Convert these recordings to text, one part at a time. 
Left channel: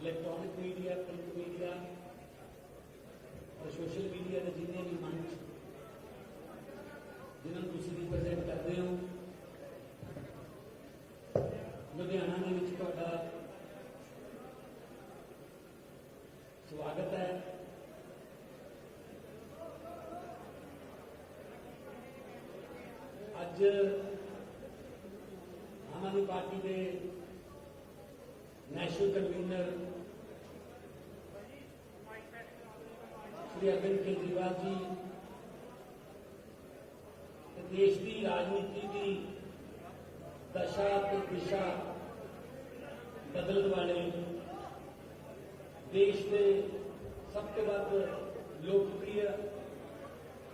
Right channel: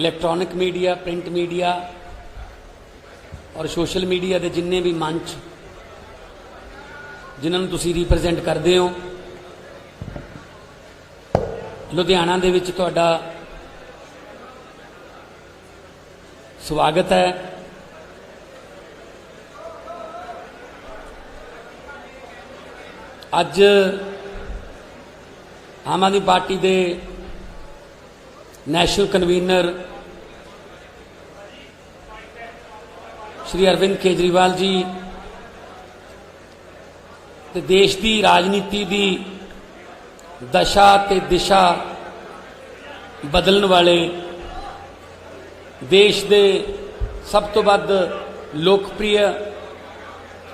Electronic media, print media और social media के जिन्ने भी मंच जिन्होंने तुसी रिप्रजेंट करते हो, लुधियाना दे विच तुहाडा स्वागत है। अज आम आदमी पार्टी के नैशनल कन्वीनर श्री अरविंद केजरीवाल जी ते देश की राजनीति की दशा ते दिशा बदलने वाले देश के सब तो वध लोकप्रिय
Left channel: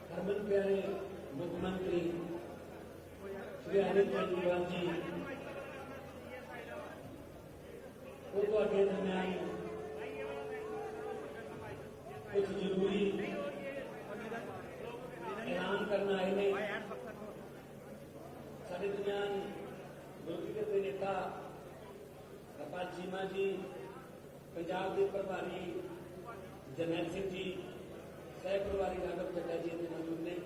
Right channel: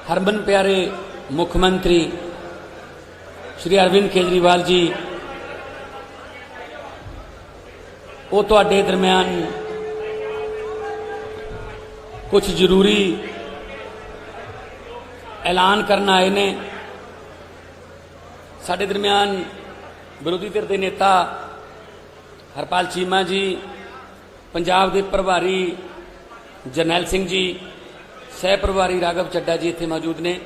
हरमन प्यारे मुख्यमंत्री श्री अरविंद केजरीवाल जी वो तुहाडे दरम्यान कुछ जरूरी ऐलान करना आए ने। साडे दरम्यान विरोधी धिर दे नेता हरपाल चीमा जी, पंजाब के प्रभारी जरनैल सिंह जी, सह प्रभारी राघव चड्डा जी इत्थे मौजूद ने।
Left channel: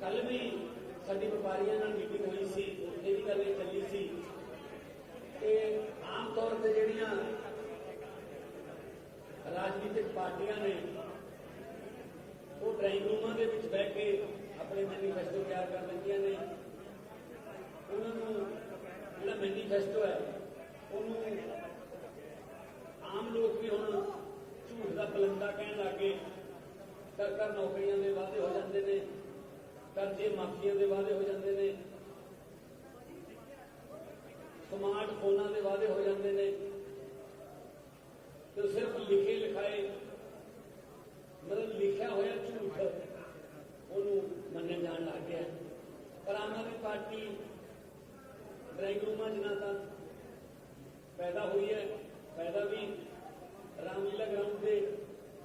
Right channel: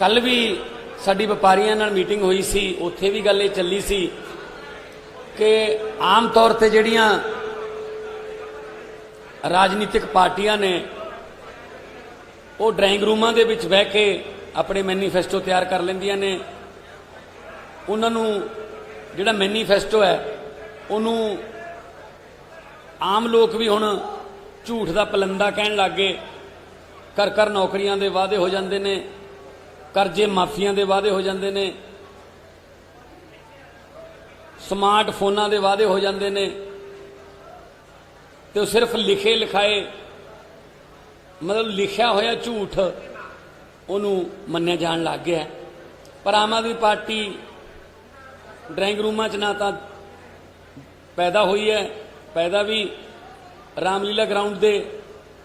कल भी साडी व्यापारियों नाल मीटिंग हुई सी, उत्थे भी गल चली सी कि आम तौर पर जिहड़ियां राजनीतिक पार्टियां ने वो ड्राइंग रूमां दे विच बह के अपने मैनीफेस्टो तैयार कर लैंदियां ने। उन्होंने जिहड़ा मैनीफेस्टो है उन्हों आम लोग भी हुण झूठ दा पलंदा कहण लग गए। कर कर नौकरियां दे वादे हो जांदे ने, करजे माफिया के वादे हो जाते हैं, स्मार्ट फोना के वादे हो जाते हैं, तो सिर्फ लिखे लिखाए मतलब लिखा होया झूठ उन्होंने मन्निया जान लग गया। पर आम आदमी पार्टी ड्राइंग रूमां च ना तो पैदा हुई है, पैदा भी रामलीला ग्राउंड के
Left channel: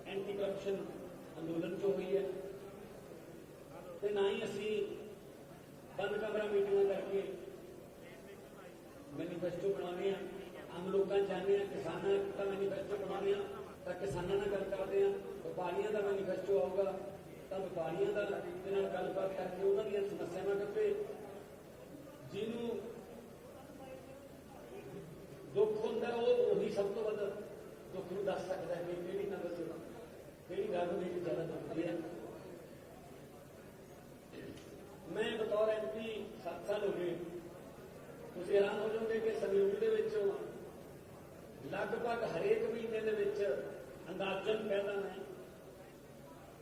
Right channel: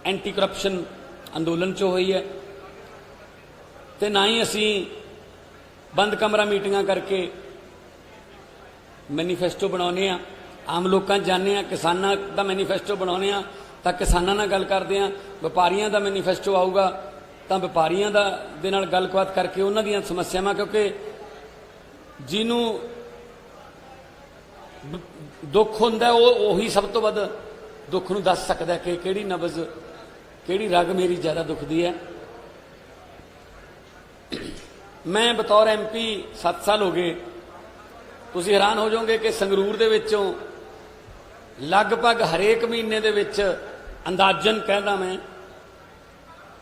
एंटी करप्शन अंदोलन चो हुई है, तो ना ही असी बंद कमरा मीटिंगां करके मैनीफेस्टो बनाने। आम लोग जाने, किसानों का मैनीफेस्टो बनाने, तो किसानों नाल गल करते हैं। व्यापारियों का मैनीफेस्टो आऊगा तो व्यापारियों दे नाल गलबात करके उन्हां दीयां समस्यावां, क्योंकि जिन्हों दुख हुंदा उही सब तो वध दुख नूं दस सकदा कि किहड़ी नबज किहड़ी रग मेरी ज़्यादा दुखदी है। मैं बतौर MP 7 साल हो गए। तुसीं हैरान हो जाओगे कि संगरूर दे विचों लगभग हरेक महीने दे विच अंदाजन कहदा मैं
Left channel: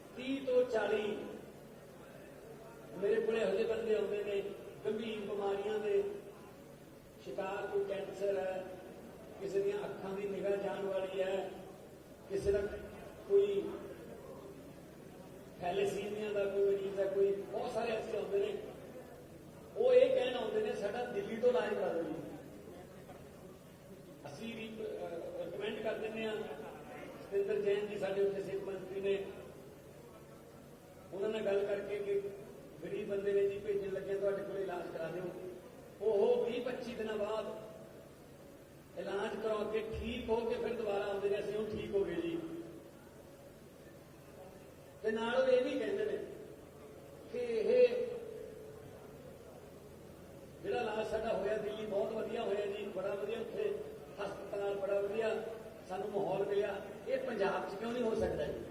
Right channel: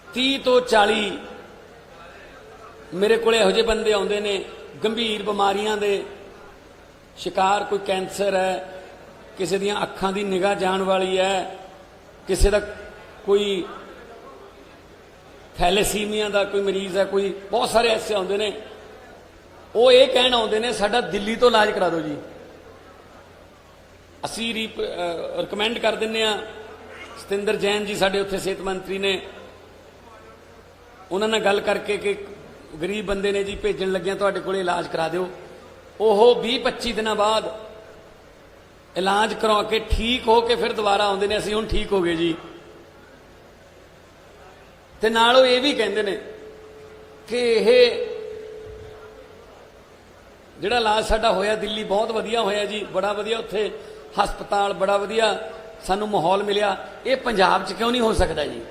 30 तो 40 मेरे को इहो जिहे बंदे आउंदे ने गंभीर बीमारियां दे शिकार। कोई कैंसर है, किसी दियां अखां दी निगाह जाण वाली है, किसी दा कोई थैलेसीमिया का कोई मरीज है, कोई बहुत सारे ऐसे आते हैं। वो ये कहना आते हैं साडा दिल्ली तो इलाज करा दो जी। असी रिकमेंड कर दें। सतिंदर जैन जी साडे उत्थे सेहत मंत्री ने, उन्होंने गल करके कि गरीब बंदे ने जी भेजन लगे तुहाडे कोल इलाज करा दो। ओह 20-25 दिन बाद इलाज करवा के ठीक हो के फिर दोबारा आते हैं असी हुण ठीक हो गए जी। ते नाल ये भी कहते हैं कि यह जिहड़ा इलाज साडा होया दिल्ली बहुत वधिया होया जी, बड़ा वधिया उत्थे हस्पताल बड़ा वधिया सानू माहौल मिलिया, ये पंजाब च क्यों नहीं हो सकता जी।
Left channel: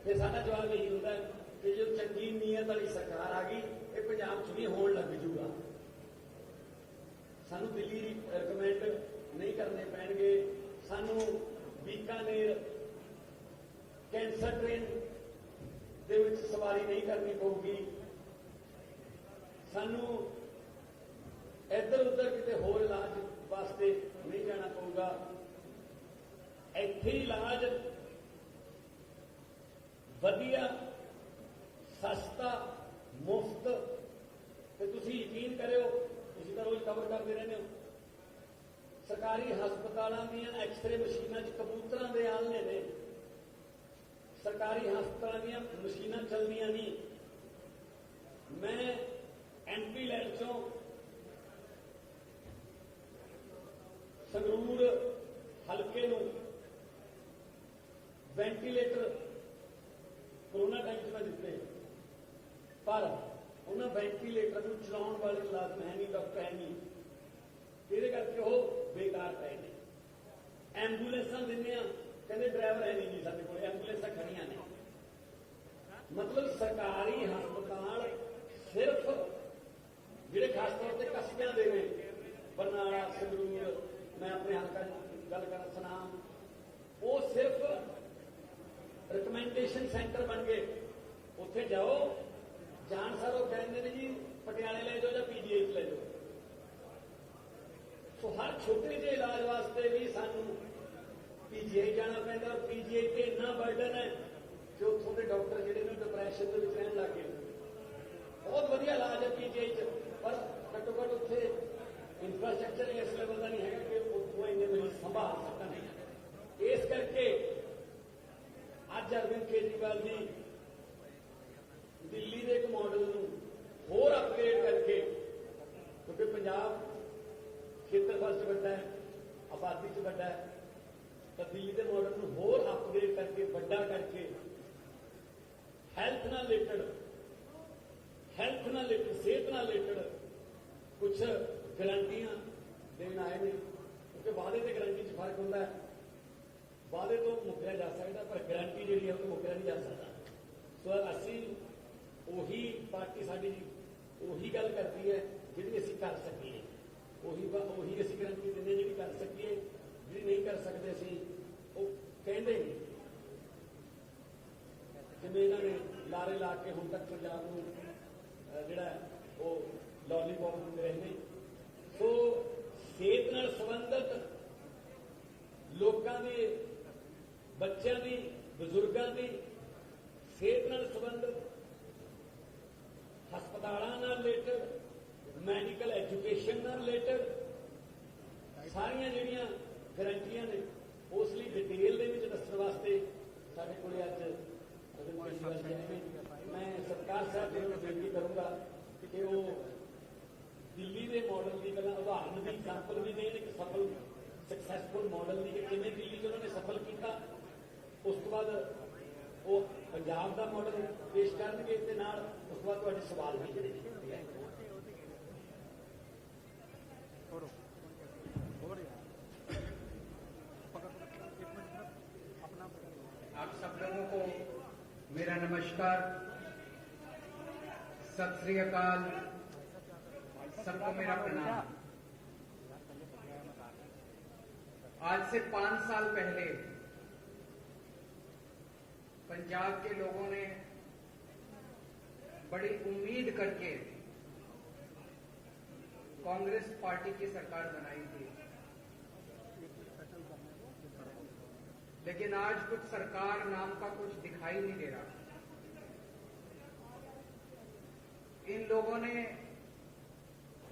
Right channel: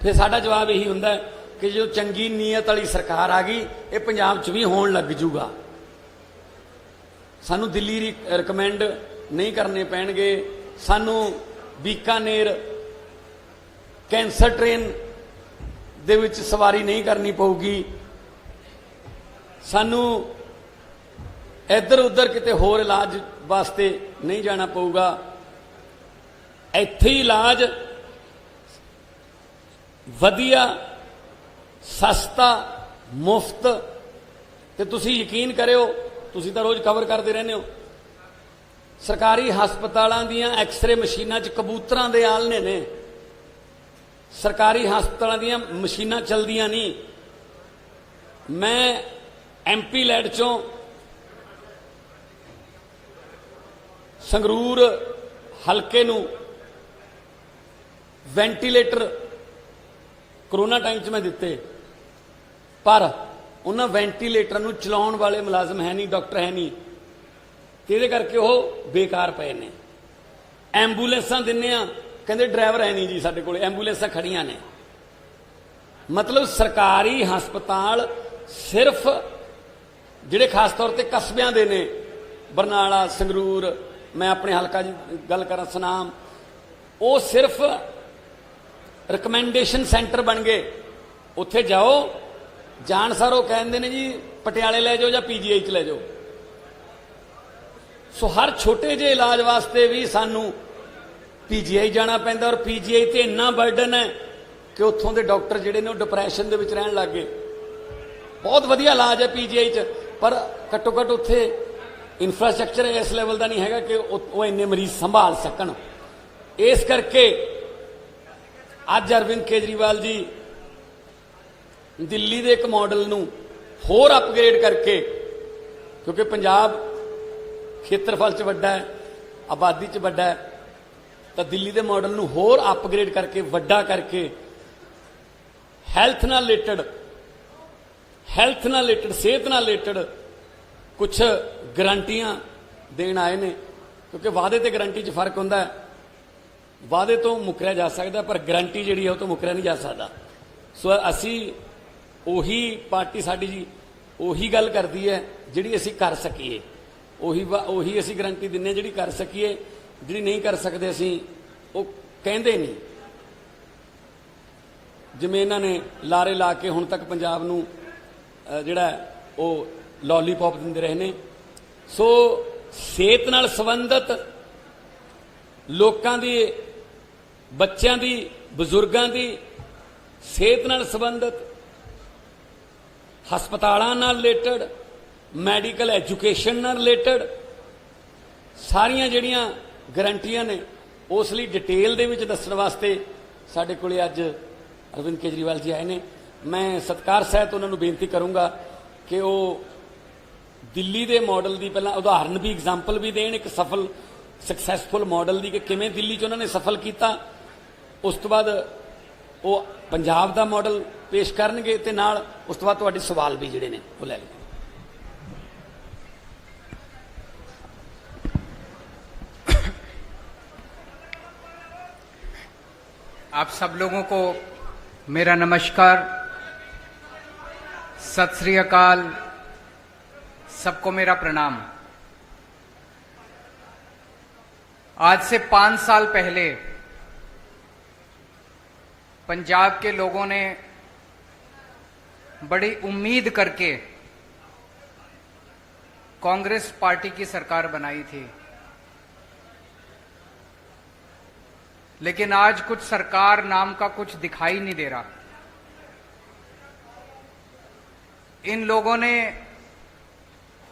फिर साडा जवाब यही हुंदा है कि जो चंगी नीयत वाली सरकार आ गई ये पंजाब च भी होण लग जूगा। सानू दिल्ली रिकमेंड नहीं करने पैणगे, सानू बीकानेर कैंसर ट्रेन दे विच सवारी नहीं करनी पऊगी, सानू इधर उधर किते होर इलाज वास्ते नहीं जाना पऊगा। इत्थे ही इलाज वधिया सस्ता मुफ्त। ते तुसी यकीन करियो, तुसी तां रोज़ कवर करते रहने हो, सरकारी हस्पतालों दियां एक्सरे मशीनां च कबूतरां दे आलने ने। सरकारी हस्पतालों दी मशीनां चलदियां नहीं, मैं MP लैड चों संगरूर हलके नूं वेंटीलेटर कोरोना टाइम च मैं दिते, पर उन्हां वेंटीलेटर नूं चलाउण वाले मुलाजम है नहीं, डॉक्टर है नहीं, इहदे करके वो बेकार पे ने। एंबूलेंसां दिन्ने आ, कहंदे ड्राइवर है नहीं जी साडे कोल, एंबूलेंसां खड़ियां ने। मतलब सरकारी हस्पताल सिर्फ जिहड़े खास तौर पर कस्बियां दे ने, बरनाला, संगरूर, मैं अपने हलका दी गल करा सुनाम, वो सिर्फ रिकमेंडेशन सेंटर बन गए। उत्थे जाओ, जान सारो कहते ने जी पटियाले ले जाओ या PGI च ले जाओ। सो हर छोटे जे इलाज वास्ते भी सानू PGI जाना पैंदा, और PGI ते इन्ना बर्डन है कि उत्थों के डॉक्टर जिहड़े ने डिप्रैशन दे विच रहन लग गए। बहुत वधिया इलाज है PGI च, पर घट्टो घट्ट उत्थे इंफ्रास्ट्रक्चर इस लैवल का नहीं है कि वो इन्ने मरीज संभाल सकन। इस करके अज अरविंद केजरीवाल जी दिल्ली के एक मॉडल नूं होर अपग्रेड करके, क्योंकि पंजाब खेत्रफल च वड्डा है, आबादी च वड्डा है, तो दिल्ली के मॉडल नूं होर अपग्रेड करके वड्डा करके हैल्थ नाल रिलेटेड सेहत नाल रिलेटेड कुछ गारंटियां देण आए ने। क्योंकि वादे ते गारंटी च फर्क हुंदा है, वादे तो मुकरिया जा सकता, पर गारंटी जिहड़ी है वो तो मुकरिया नहीं जा सकता। सो असी उही पार्टी साडी जी उही गल करदी है जिहड़ी असी कर सकीए, उही असी गारंटी दिंदे जिहड़ी कर सकीए, जिहड़ी नहीं कर सकते असी वो कहंदे नहीं। जिवें इन्हां ने लारे ला के हुण तक पंजाब नूं जिहड़ा वो लॉलीपॉप दिंदे रहे ने। सो सेहत नाल संबंधित लोकां दी, बच्चों की, बजुर्गों की सेहत नाल संबंधित, हस्पतालों नाल रिलेटेड, मैडिकल एजुकेशन नाल रिलेटेड सारियां जिहड़ियां गारंटियां ने, उस लई डिटेल दे विच दस्सण वास्ते साडे कोले अज अरविंद केजरीवाल जी आए ने। मैं सत्कार सहित उन्होंने बेनती करूँगा कि वो दिल्ली के मॉडल की पहला उदाहरण भी, एग्जाम्पल भी देन, एक सफल सक्सैसफुल मॉडल की कि किवें दिल्ली च उन्होंने सफल किया। उस तो बाद वो पंजाब का मॉडल पेश करनगे ते नाल उस तो बाद तुहाडे सवाल भी जिहड़े ने वो लै लेंगे। आप सब लोगों को मेरा नमस्कार, सत श्री अकाल, सबको मेरा प्रणाम। आज से 5 साल पहले पंजाब के लोगों ने बड़ी उम्मीद करके कांग्रेस पार्टी की सरकार बनाई थी, लेकिन आज कुछ सरकार नाम का कुछ दिखाई नहीं दे रहा। इन लोगों ने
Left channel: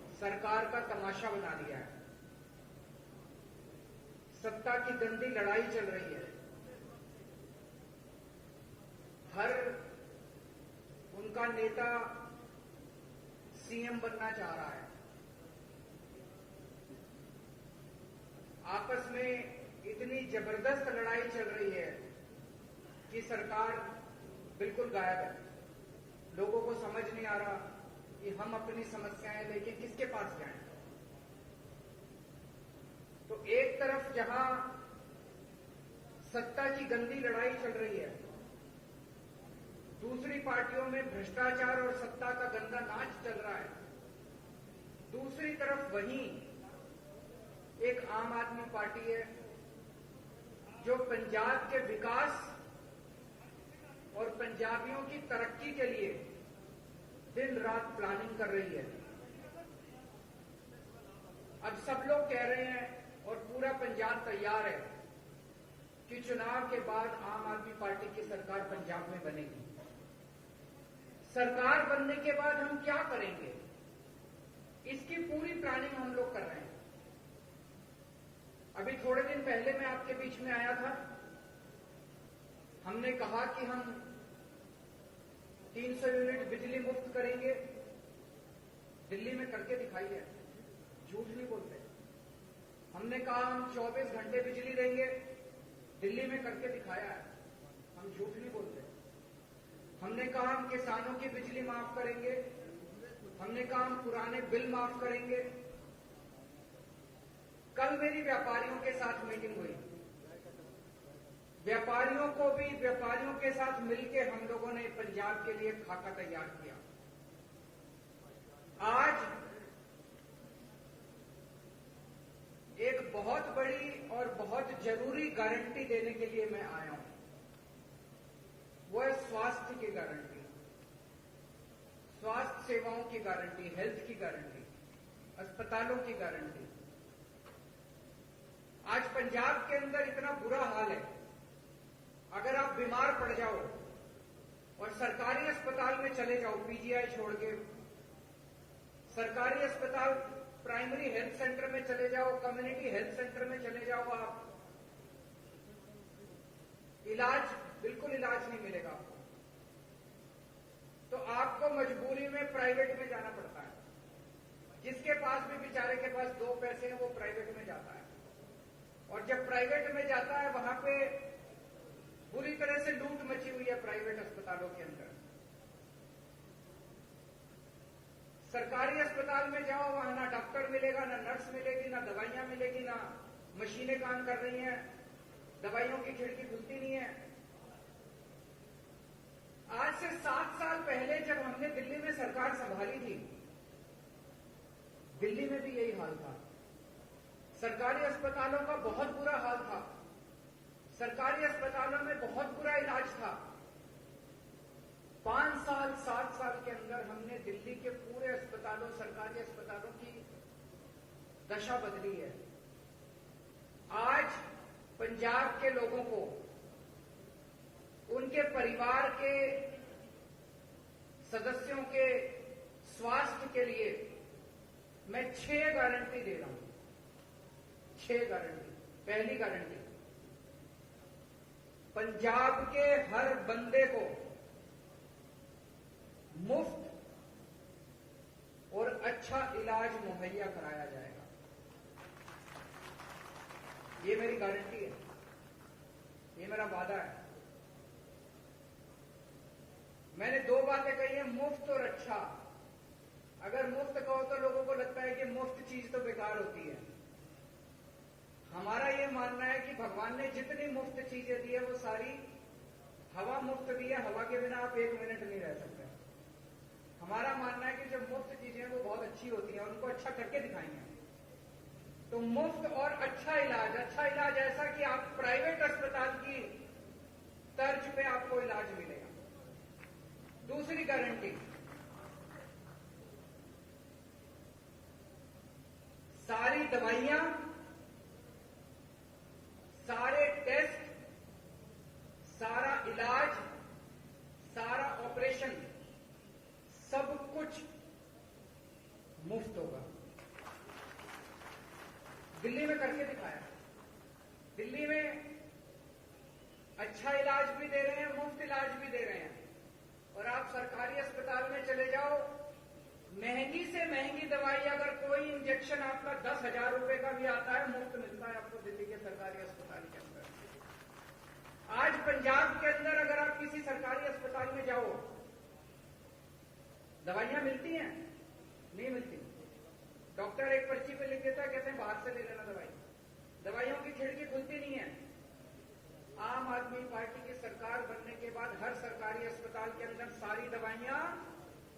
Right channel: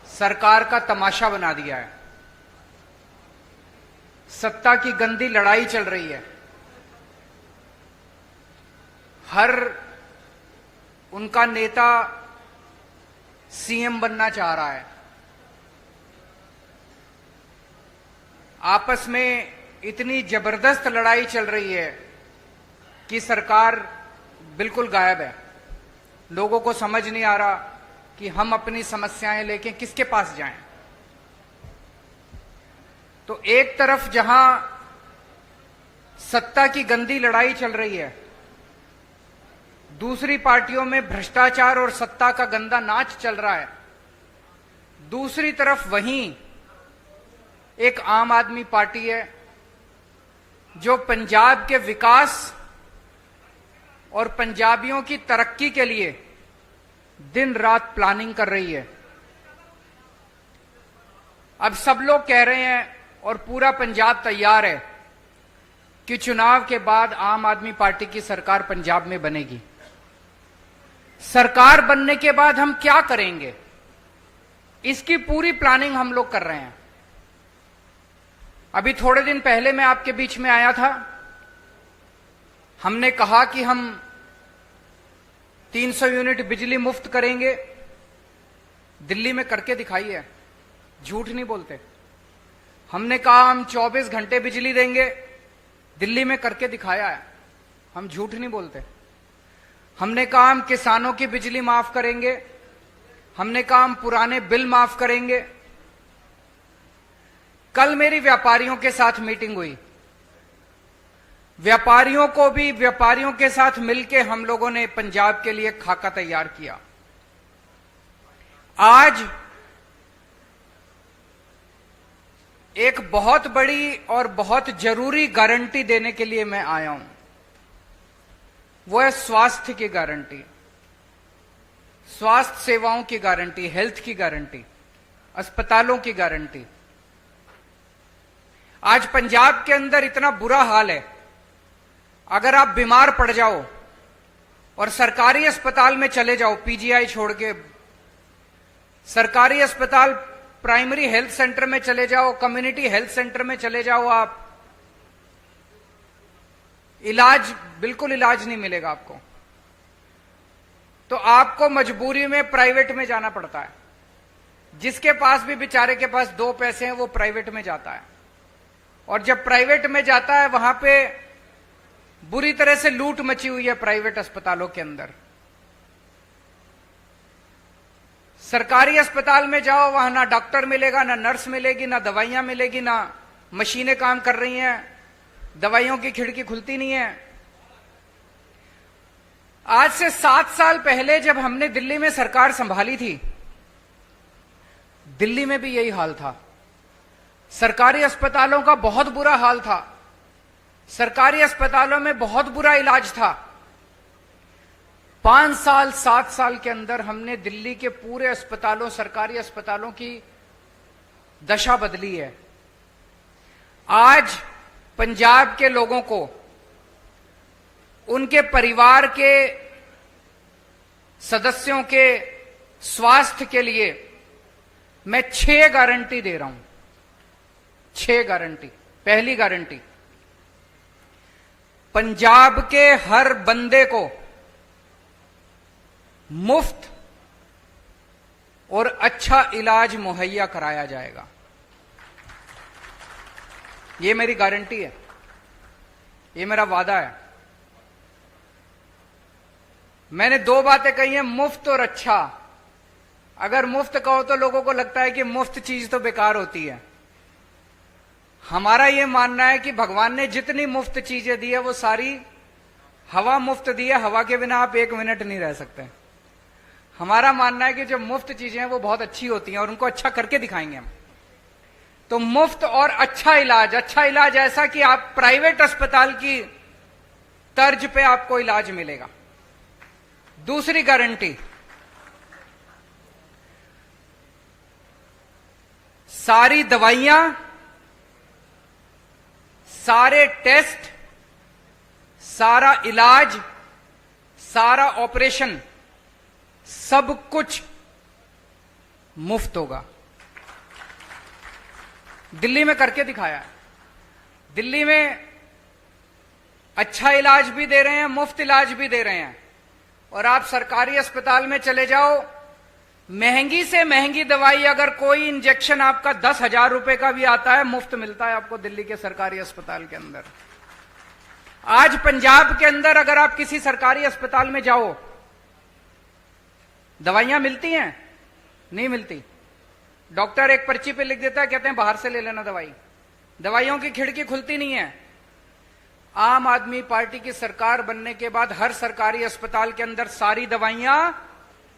सरकार का तमाशा बना दिया है। सत्ता की गंदी लड़ाई चल रही है। हर उनका नेता CM बनना चाह रहा है। आपस में इतनी जबरदस्त लड़ाई चल रही है कि सरकार बिल्कुल गायब है। लोगों को समझ नहीं आ रहा कि हम अपनी समस्याएं लेके किसके पास जाएं। तो एक तरफ जहां सत्ता की गंदी लड़ाई चल रही है, दूसरी पार्टियों में भ्रष्टाचार और सत्ता का गंदा नाच चल रहा है, दूसरी तरफ वहीं एक आम आदमी पार्टी है जो पंजाब के विकास और पंजाबियों की तरक्की के लिए दिन रात प्लानिंग कर रही है। अब सब लोग कह रहे हैं और पूरा पंजाब तैयार है कि चुनाव के बाद आम आदमी पार्टी की सरकार पंजाब में बनेगी। सरकार बनने के बाद हम क्या करेंगे, इसकी पूरी प्लानिंग हम लोग कर रहे हैं। अभी थोड़े दिन पहले मैं आपके बीच में आया था, हमने कहा कि हम 300 यूनिट बिजली मुफ्त करेंगे। दिल्ली में करके दिखाई है, झूठ नहीं बोलते। हमने कहा हम 24 घंटे बिजली देंगे, दिल्ली में करके दिखाया है, हम झूठ नहीं बोलते। हमने कहा हम किसानों की बिजली माफ करेंगे, हमने कहा हम पुराने बिल माफ करेंगे। कल मेरी व्यापारियों के साथ मीटिंग हुई, व्यापारियों के साथ मिलकर हम लोगों ने पंजाब के लिए खाका तैयार किया। आज एक बहुत बड़ी और बहुत जरूरी गारंटी देने के लिए मैं आया हूं, वो है स्वास्थ्य की गारंटी, स्वास्थ्य सेवाओं की गारंटी, हेल्थ की गारंटी, अस्पतालों की गारंटी। आज पंजाब के अंदर इतना बुरा हाल है, अगर आप बीमार पड़ जाओ और सरकारी अस्पताल में चले जाओ, पीजीआई छोड़ के सरकारी अस्पताल, प्राइमरी हेल्थ सेंटर में चले जाओ, कम्युनिटी हेल्थ सेंटर में चले जाओ, आप बिल्कुल इलाज नहीं मिलेगा आपको। तो आपको मजबूरी में प्राइवेट में जाना पड़ता है। जिसके पास भी बेचारे के पास 2 पैसे हैं वो प्राइवेट में जाता है, और जब प्राइवेट में जाता है वहां पे बुरी तरह से लूट मची हुई है प्राइवेट अस्पतालों के अंदर। सरकारी अस्पताल में जाओ, वहां ना डॉक्टर मिलेगा, ना नर्स मिलेगी, ना दवाइयां मिलेगी, ना मशीनें काम कर रही हैं, दवाइयों की खिड़की खुलती नहीं है। आज से 7 साल पहले जब हमने दिल्ली में सरकार संभाली थी, दिल्ली में भी यही हाल था। सरकारी अस्पतालों का बहुत बुरा हाल था, सरकारी अस्पतालों में बहुत बुरा इलाज था। 5 साल 7 साल के अंदर हमने दिल्ली के पूरे अस्पतालों, सरकारी अस्पतालों की दशा बदली है। आज पंजाब के लोगों को, उनके परिवार के सदस्यों के स्वास्थ्य के लिए मैं 6 गारंटी दे रहा हूं। 6 गारंटी। पहली गारंटी, पंजाब के हर बंदे को मुफ्त और अच्छा इलाज मुहैया कराया जाएगा। यह मेरी गारंटी है, यह मेरा वादा है। मैंने 2 बातें कही हैं, मुफ्त और अच्छा। अगर मुफ्त कहो तो लोगों को लगता है कि मुफ्त चीज तो बेकार होती है। हमारा यह मानना है कि भगवान ने जितनी मुफ्त चीजें दी है वो सारी हवा मुफ्त दी है, हवा के बिना आप 1 मिनट नहीं रह सकते। हमारा मानना है कि जो मुफ्त चीजें हैं वो बहुत अच्छी होती हैं और उनको अच्छा करके दिखाएंगे हम। तो मुफ्त और अच्छा इलाज ऐसा कि आप प्राइवेट अस्पताल की तर्ज पे आपको इलाज मिलेगा। दूसरी गारंटी, सारी दवाइयां, सारे टेस्ट, सारा इलाज, सारा ऑपरेशन, सब कुछ मुफ्त होगा। दिल्ली में करके दिखाया है। दिल्ली में अच्छा इलाज भी दे रहे हैं, मुफ्त इलाज भी दे रहे हैं। और आप सरकारी अस्पताल में चले जाओ, महंगी से महंगी दवाई, अगर कोई इंजेक्शन आपका 10,000 रुपए का भी आता है, मुफ्त मिलता है आपको दिल्ली के सरकारी अस्पताल के अंदर। आज पंजाब के अंदर अगर आप किसी सरकारी अस्पताल में जाओ, दवाइयां मिलती हैं? नहीं मिलती। डॉक्टर एक पर्ची पे लिख देता है, कहते हैं बाहर से ले लेना दवाई। दवाइयों की खिड़की खुलती नहीं है। आम आदमी पार्टी की सरकार बनने के बाद हर सरकारी अस्पताल के अंदर सारी दवाइयां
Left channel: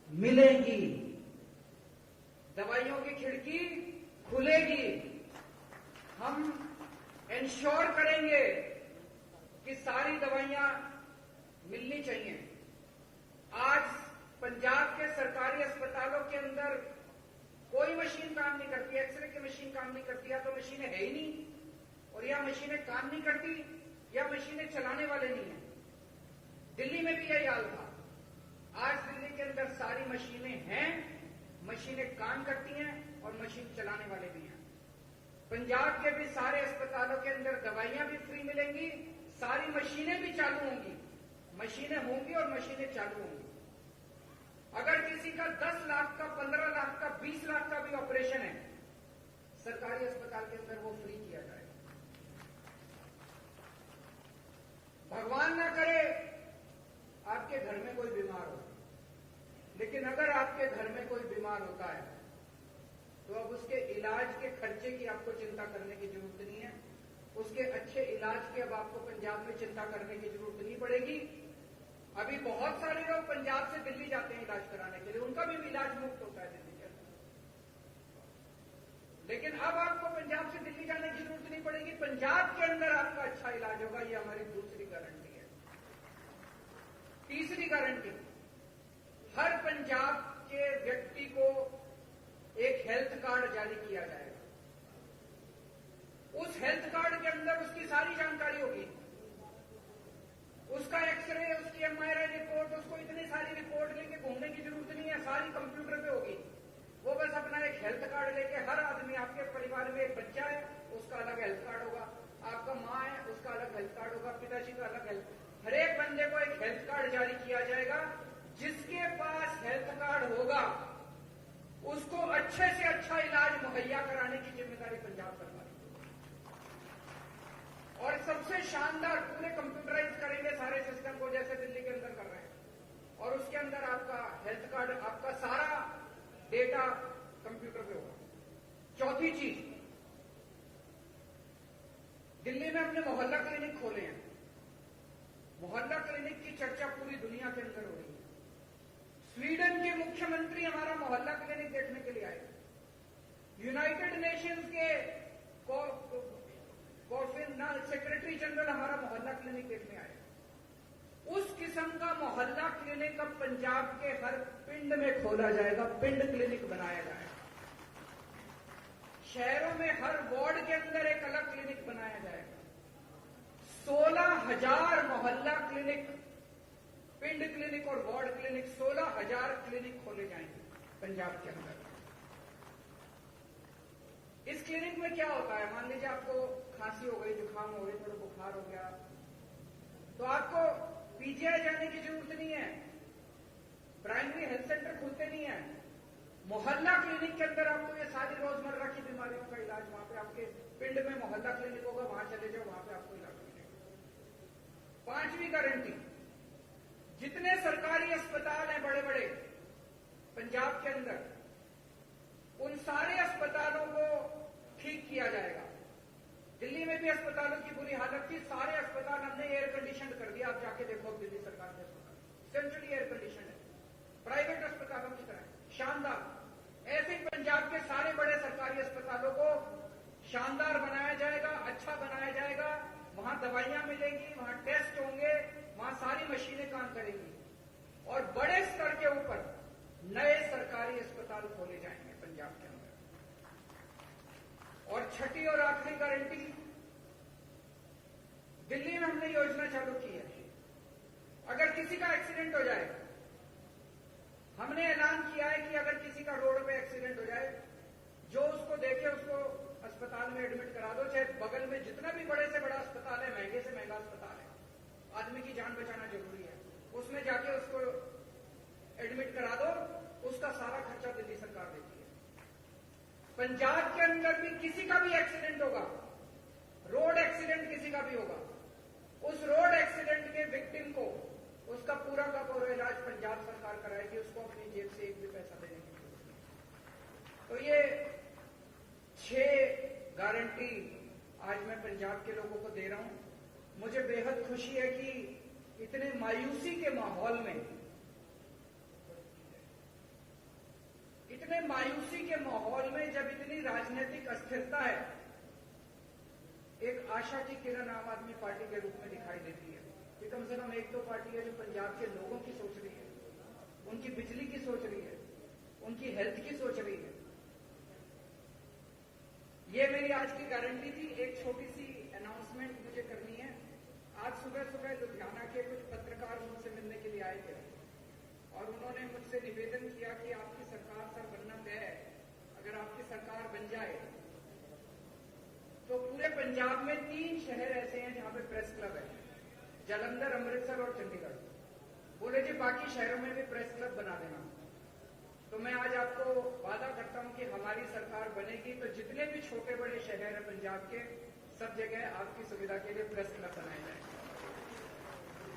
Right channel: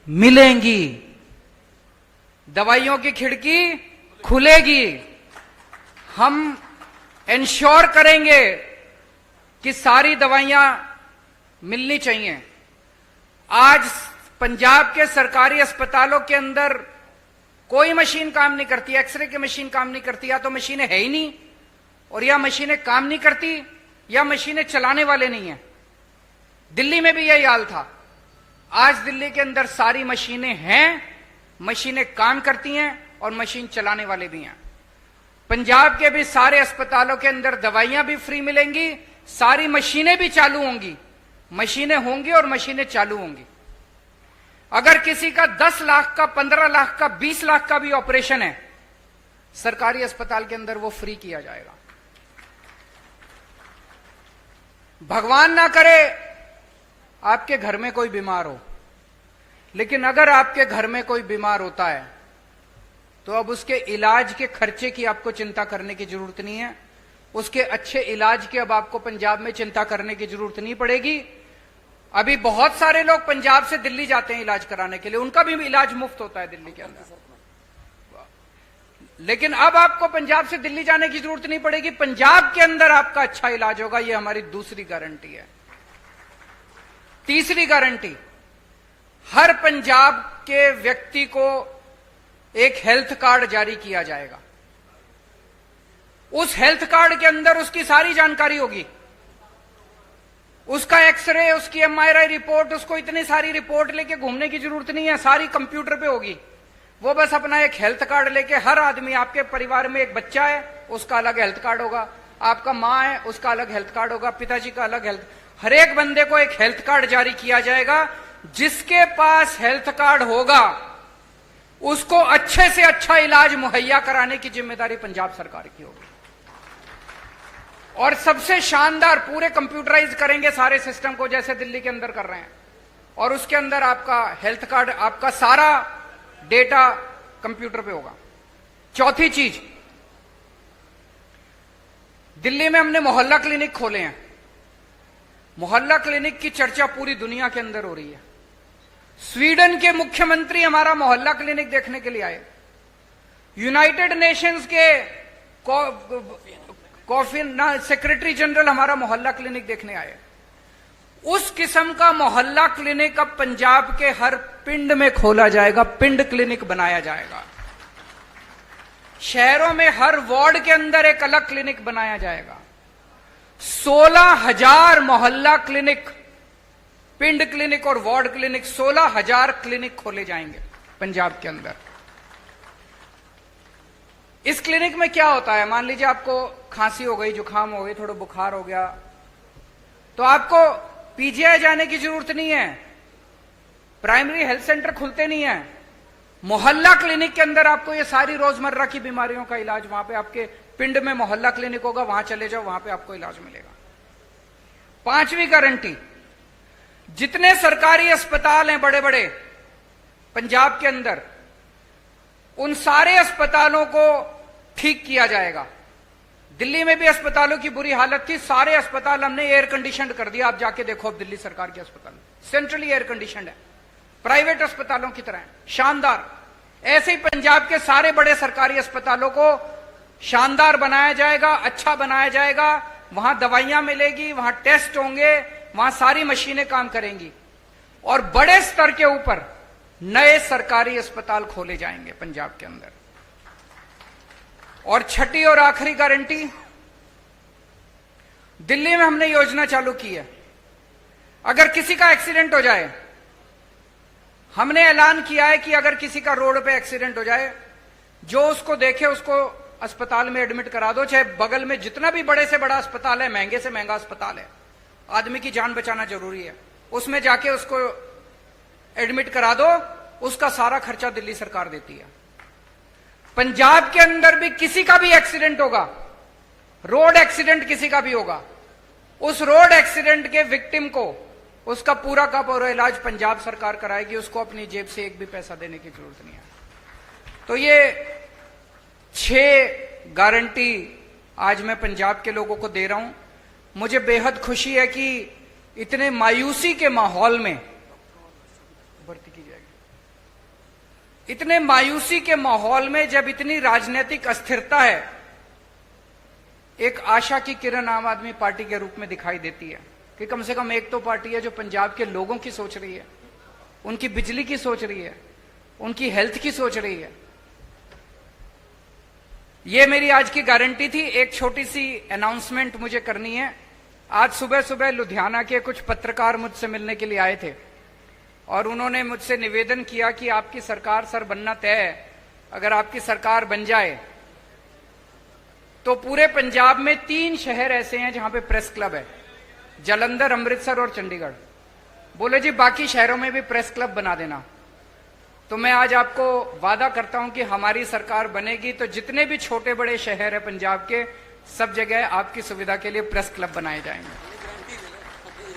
मिलेंगी, दवाइयों की खिड़की खुलेगी। हम इंश्योर करेंगे कि सारी दवाइयां मिलनी चाहिए। आज पंजाब के सरकारी अस्पतालों के अंदर कोई मशीन काम नहीं करती, एक्सरे की मशीन काम नहीं करती, या तो मशीनें है ही नहीं, और या मशीनें काम नहीं करती, या मशीनें चलाने वाले नहीं है। दिल्ली में भी यही हाल था। आज दिल्ली के अंदर सारी मशीनें हैं, मशीनें काम करती हैं और मशीन चलाने वाले भी हैं। पंजाब के भी सारे अस्पतालों के अंदर दवाइयां भी फ्री मिलेंगी, सारी मशीनें भी चालू होंगी। मशीनें होंगी और मशीनें चालू होंगी। अगर किसी का 10 लाख का, 15 लाख का, 20 लाख का भी ऑपरेशन है, सरकारी अस्पताल के अंदर वो फ्री किया जाएगा। भगवान ना करे आपके घर में कोई बीमार हो, लेकिन अगर आपके घर में कोई बीमार होता है तो अब उसके इलाज के खर्चे की आपको चिंता करने की जरूरत नहीं है। उसके अच्छे इलाज की अब आपको पंजाब में चिंता करने की जरूरत नहीं पड़ेगी। अभी बहुत सारे लोग पंजाब से दिल्ली जाते हैं इलाज कराने के लिए, उनका भी इलाज मुफ्त होता है दिल्ली के अंदर। लेकिन अब आपको पंजाब से दिल्ली जाने की जरूरत नहीं पड़ेगी, पंजाब के अंदर आपका अच्छा इलाज होगा। यह हमारी दूसरी गारंटी है। तीसरी गारंटी, हर पंजाब के व्यक्ति को एक हेल्थ कार्ड जारी किया जाएगा। उस हेल्थ कार्ड के अंदर उसकी सारी जानकारी होगी, उसका एक्सरे, उसकी एमआरआई रिपोर्ट, उसको इतनी सारी रिपोर्ट लेके घूमने की जरूरत नहीं है, सारी कंप्यूटर पे होगी। वो बस अपना एक हेल्थ कार्ड लेके, हर आदमी, आपके परिवार में एक बच्चा है उसका अलग हेल्थ कार्ड होगा, आपका मां है उसका अलग हेल्थ कार्ड होगा, पिताजी का अलग हेल्थ, हर एक बंदे को एक हेल्थ कार्ड जारी किया जाएगा। जिसके पास हेल्थ कार्ड होगा उसको अच्छे से अच्छा इलाज मुहैया कराने की जिम्मेदारी पंजाब सरकार की होगी। और सबसे शानदार, पूरे कंप्यूटराइज करेंगे सारे सिस्टम को जैसे दिल्ली के अंदर कर रहे हैं, और उसके अंदर आपका हेल्थ कार्ड, आपका सारा डेटा कंप्यूटर पे होगा। चौथी चीज, दिल्ली में हमने मोहल्ला क्लिनिक खोले हैं। मोहल्ला क्लिनिक की चर्चा पूरी दुनिया के अंदर हो रही है। स्वीडन के मुख्यमंत्री हमारा मोहल्ला क्लिनिक देखने के लिए आए, यूनाइटेड नेशंस के सेक्रेटरी जनरल हमारा मोहल्ला क्लिनिक देखने आए। उस किस्म का मोहल्ला क्लिनिक अब पंजाब के हर पिंड में खोला जाएगा, पिंड क्लिनिक बनाया जाएगा। शहरों में हर वार्ड के अंदर एक अलग क्लिनिक बनाया जाएगा। 16,000 मोहल्ला क्लिनिक, पिंड क्लिनिक और वार्ड क्लिनिक, 16,000 क्लिनिक खोले जाएंगे पंजाब के अंदर। इस क्लिनिक में क्या होता है, मान लीजिए आपको खांसी हो गई, जुकाम हो गई, थोड़ा बुखार हो गया, तो आपको पीजीआई जाने की जरूरत नहीं है, प्राइमरी हेल्थ सेंटर खुलते नहीं है। मोहल्ला क्लिनिक के अंदर आपको ये सारी रोजमर्रा की बीमारियों का इलाज, वहां पे आपके पिंड में मोहल्ला क्लिनिक होगा, वहां चले जाओ, वहां पे आपको इलाज मिलेगा। पांचवी गारंटी, जितने सरकारी अस्पताल हैं बड़े बड़े पंजाब के अंदर, उन सारे अस्पतालों को ठीक किया जाएगा। दिल्ली में भी अस्पतालों की बुरी हालत थी, सारे अस्पताल हमने एयर कंडीशन कर दिया। आप जाके देखो, अब दिल्ली सरकार के अस्पताल सेंट्रली एयर कंडीशन है, प्राइवेट अस्पतालों की तरह शानदार। ऐसे ही पंजाब के सारे बड़े सरकारी अस्पतालों को शानदार बनाया जाएगा, अच्छा बनाया जाएगा। वहां दवाइयां मिलेगी, वहां टेस्ट होंगे, वहां सारी मशीनें काम करेंगी, और बड़े स्तर के ऊपर नए सरकारी अस्पताल खोले जाएंगे पंजाब के अंदर। और छठी और आखिरी गारंटी, दिल्ली में हमने योजना चालू की है, अगर किसी का एक्सीडेंट हो जाए, हमने ऐलान किया है कि अगर किसी का रोड पे एक्सीडेंट हो जाए, जो उसको देखे उसको अस्पताल में एडमिट करा दो, चाहे बगल में जितना भी बड़े से बड़ा अस्पताल है, महंगे से महंगा अस्पताल है, आदमी की जान बचाना जरूरी है, उसमें जाके उसको एडमिट करा दो, उसका सारा खर्चा दिल्ली सरकार देती है। पंजाब के अंदर भी किसी का भी एक्सीडेंट होगा, रोड एक्सीडेंट किसी का भी होगा, उस रोड एक्सीडेंट के विक्टिम को उसका पूरा का पूरा इलाज पंजाब सरकार कराएगी, उसको अपनी जेब से एक भी पैसा देने की जरूरत नहीं है। तो ये 6 गारंटी आज मैं पंजाब के लोगों को दे रहा हूं। मुझे बेहद खुशी है कि इतने मायूसी के माहौल में, भर्ती की जाएगी, इतने मायूसी के माहौल में जब इतनी राजनीतिक अस्थिरता है, एक आशा की किरण आम आदमी पार्टी के रूप में दिखाई देती है कि कम से कम एक तो पार्टी है जो पंजाब के लोगों की सोच रही है, उनकी बिजली की सोच रही है, उनकी हेल्थ की सोच रही है। ये मेरी आज की गारंटी थी। एक छोटी सी अनाउंसमेंट मुझे करनी है। आज सुबह सुबह लुधियाना के कुछ पत्रकार मुझसे मिलने के लिए आए थे और उन्होंने मुझसे निवेदन किया कि आपकी सरकार सर बनना तय है, अगर आपकी सरकार बन जाए तो पूरे पंजाब में 3 शहर ऐसे हैं जहां पे प्रेस क्लब है, जलंधर, अमृतसर और चंडीगढ़। बोले जी बाकी शहरों में भी प्रेस क्लब बना देना। तो मैं आज आपको वादा करता हूं कि हमारी सरकार बनेगी तो जितने भी छोटे बड़े शहर है पंजाब के, सब जगह आपकी सुविधा के लिए प्रेस क्लब बनाए जाएंगे।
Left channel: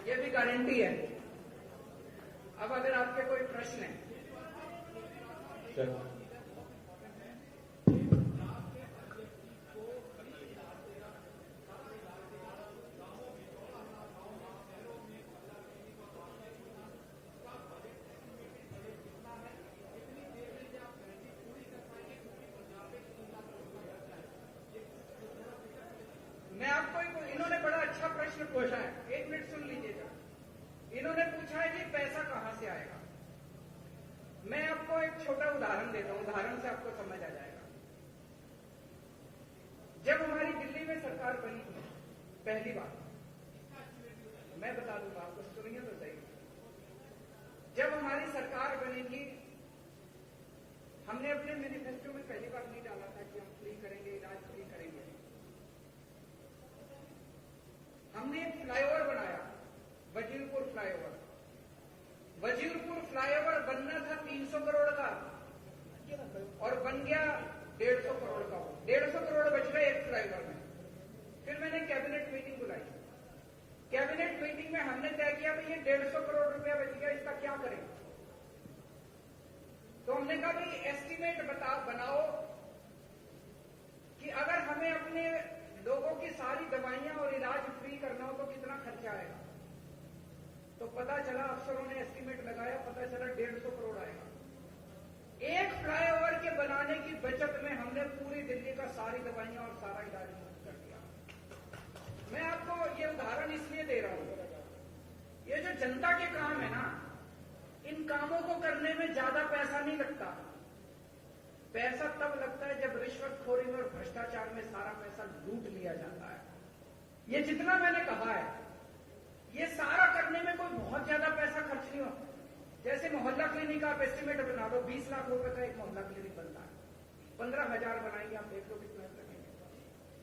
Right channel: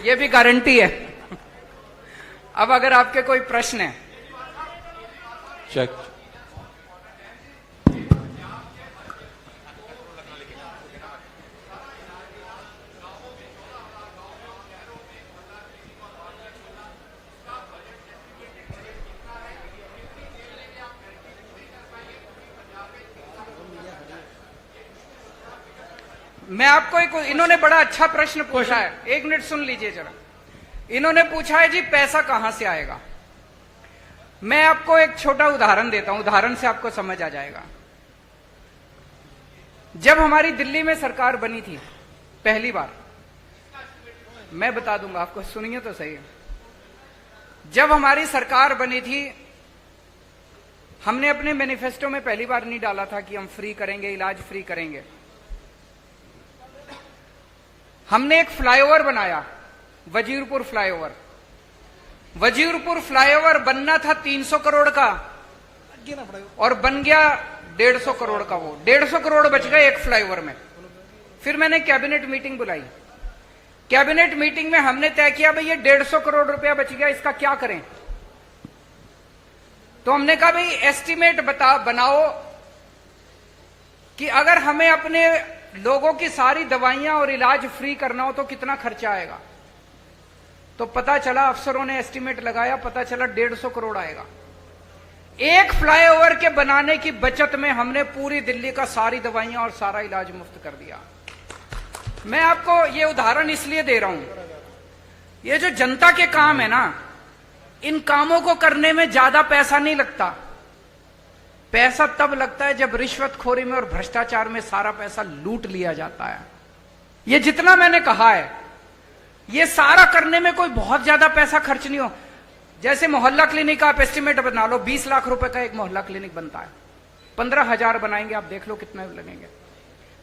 ये भी गारंटी है। अब अगर आपके कोई प्रश्न है। चेक। मैं आपको एक, इन्होंने बड़ा अच्छा प्रश्न पूछा है, 1 मिनट सुन लीजिए जरा। इन्होंने पूछा है जी पैसा कहां से आएगा। मैं आपको एक छोटा उदाहरण देता हूं, उदाहरण से आपको समझ आ जाएगा। जब हमारी दिल्ली में सरकार बनी थी पहली बार, मैं बता दूंगा आपको, सुनिए तो सही। जब हमारी सरकार बनी थी, हमने अपने मैनिफेस्टो में पहली बार नहीं डाला था कि हम फ्री करेंगे, इलाज फ्री करेंगे। हमने एक फ्लाईओवर बनाया, वजीरपुर फ्लाईओवर। वजीरपुर फ्लाईओवर बनना था 300 करोड़ का और बन गया 150 करोड़ का। वो 150 करोड़ बच गए एक फ्लाईओवर में। फिर मैंने कैबिनेट मीटिंग बुलाई। कैबिनेट मीटिंग में हमने तय किया भाई ये 150 करोड़ रुपया बच गया, इसका क्या करें। तो हमने कहा भाई एस्टीमेट बनाओ कि अगर हमें अपने लोगों की सारी दवाइयां और इलाज फ्री करना हो तो कितना खर्चा आएगा। तो पता चला, अफसरों ने एस्टीमेट लगाया, पता चला 150 करोड़ आएगा। एक फ्लाईओवर के बनाने की बचत में हमने पूरी दिल्ली का सारी दवाइयां और सारा इलाज मुफ्त कर दिया। मैं आपको ये उदाहरण इसलिए दे रहा हूं, ये जो जनता के काम है ना, इन कामों को करने में ज्यादा पैसा नहीं लगता। पैसा तब लगता है जब रिश्वतखोरी में और भ्रष्टाचार में सारा पैसा लूट लिया जाता है। ये जितना मैंने कहा है, ये सारा करने में कोई बहुत ज्यादा पैसा खर्च नहीं हो। जैसे मोहल्ला क्लिनिक आप एस्टिमेट बना लो, 20 लाख रुपए का एक मोहल्ला क्लिनिक बनता है, 15,000 बनाएंगे, आप देख लो कितने लगेंगे।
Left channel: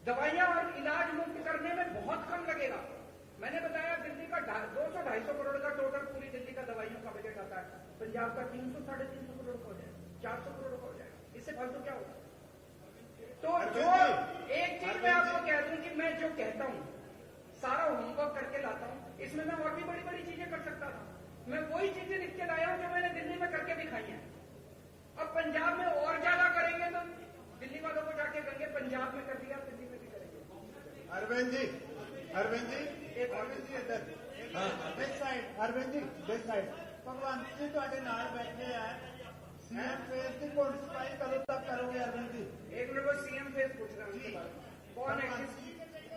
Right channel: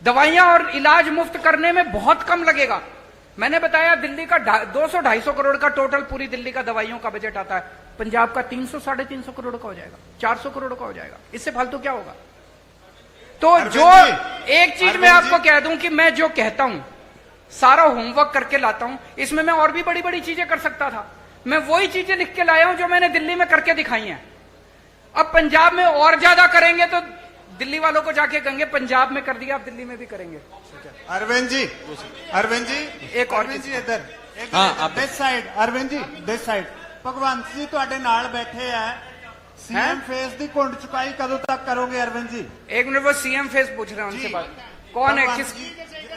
दवाइयां और इलाज मुफ्त करने में बहुत कम लगेगा। मैंने बताया दिल्ली का 200-250 करोड़ का टोटल पूरी दिल्ली का दवाइयों का बजट आता है, पंजाब का 300-350 करोड़ का हो जाएगा, 400 करोड़ का हो जाएगा। इससे फालतू क्या होगा। तो जो एक चीज मैं आपको कह दूं कि मैं जो कहता हूं सारा होमवर्क करके लाता हूं, इसमें मैं और भी बड़ी बड़ी चीजें कर सकता था। मैं वही चीजें लिख के लाया हूं जो मैंने दिल्ली में करके दिखाई हैं। अब पंजाब में और ज्यादा करेंगे तो दिल्ली वालों को जाके कहेंगे पंजाब में कर दिया, आप दिल्ली में भी करेंगे। अरविंद जी, अरविंद जी, एक और अरविंद जी इधर, हाँ, this side, Arvind ji this side. Bhagwant ji ਤੁਹਾਡੇ ਨਾਲ बैठे हैं, सीएम फेस दी घुंड चुकाई कदों तक करोगे अरविंद जी। एक मिनट, वो सीएम फेस पूछ रहे हैं उनसे बात। कौन है, किस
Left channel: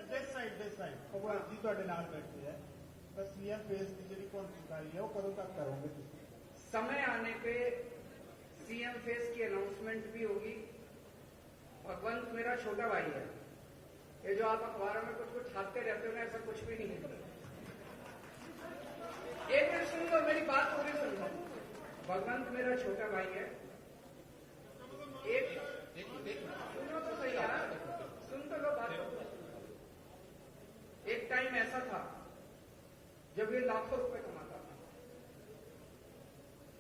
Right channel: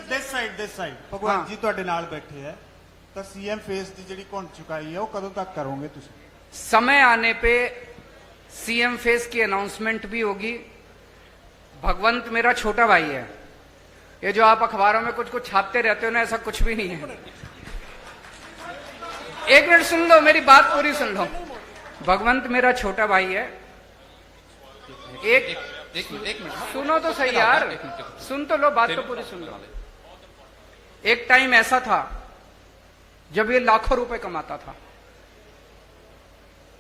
दिस साइड भगवंत जी ਤੁਹਾਡੇ ਨਾਲ बैठे हैं, तो सीएम फेस दी ਜਿਹੜੀ घुंड चुकाई है वो कदों तक करोगे तुम। समय आने पे सीएम फेस की अनाउंसमेंट भी होगी। भगवंत मेरा छोटा भाई है। ये जो आप अखबारों में कुछ कुछ छापते रहते हो ना, ऐसा कुछ भी नहीं है। एक मिनट सुन लो, मेरी बात पूरी सुन लो। भगवंत मेरा छोटा भाई है। एक मिनट सुनो तो सही यार, सुन तो लो, बात तो पूरी सुन लो। एक टाइम ऐसा था जब ये लाखों रुपए कमाता था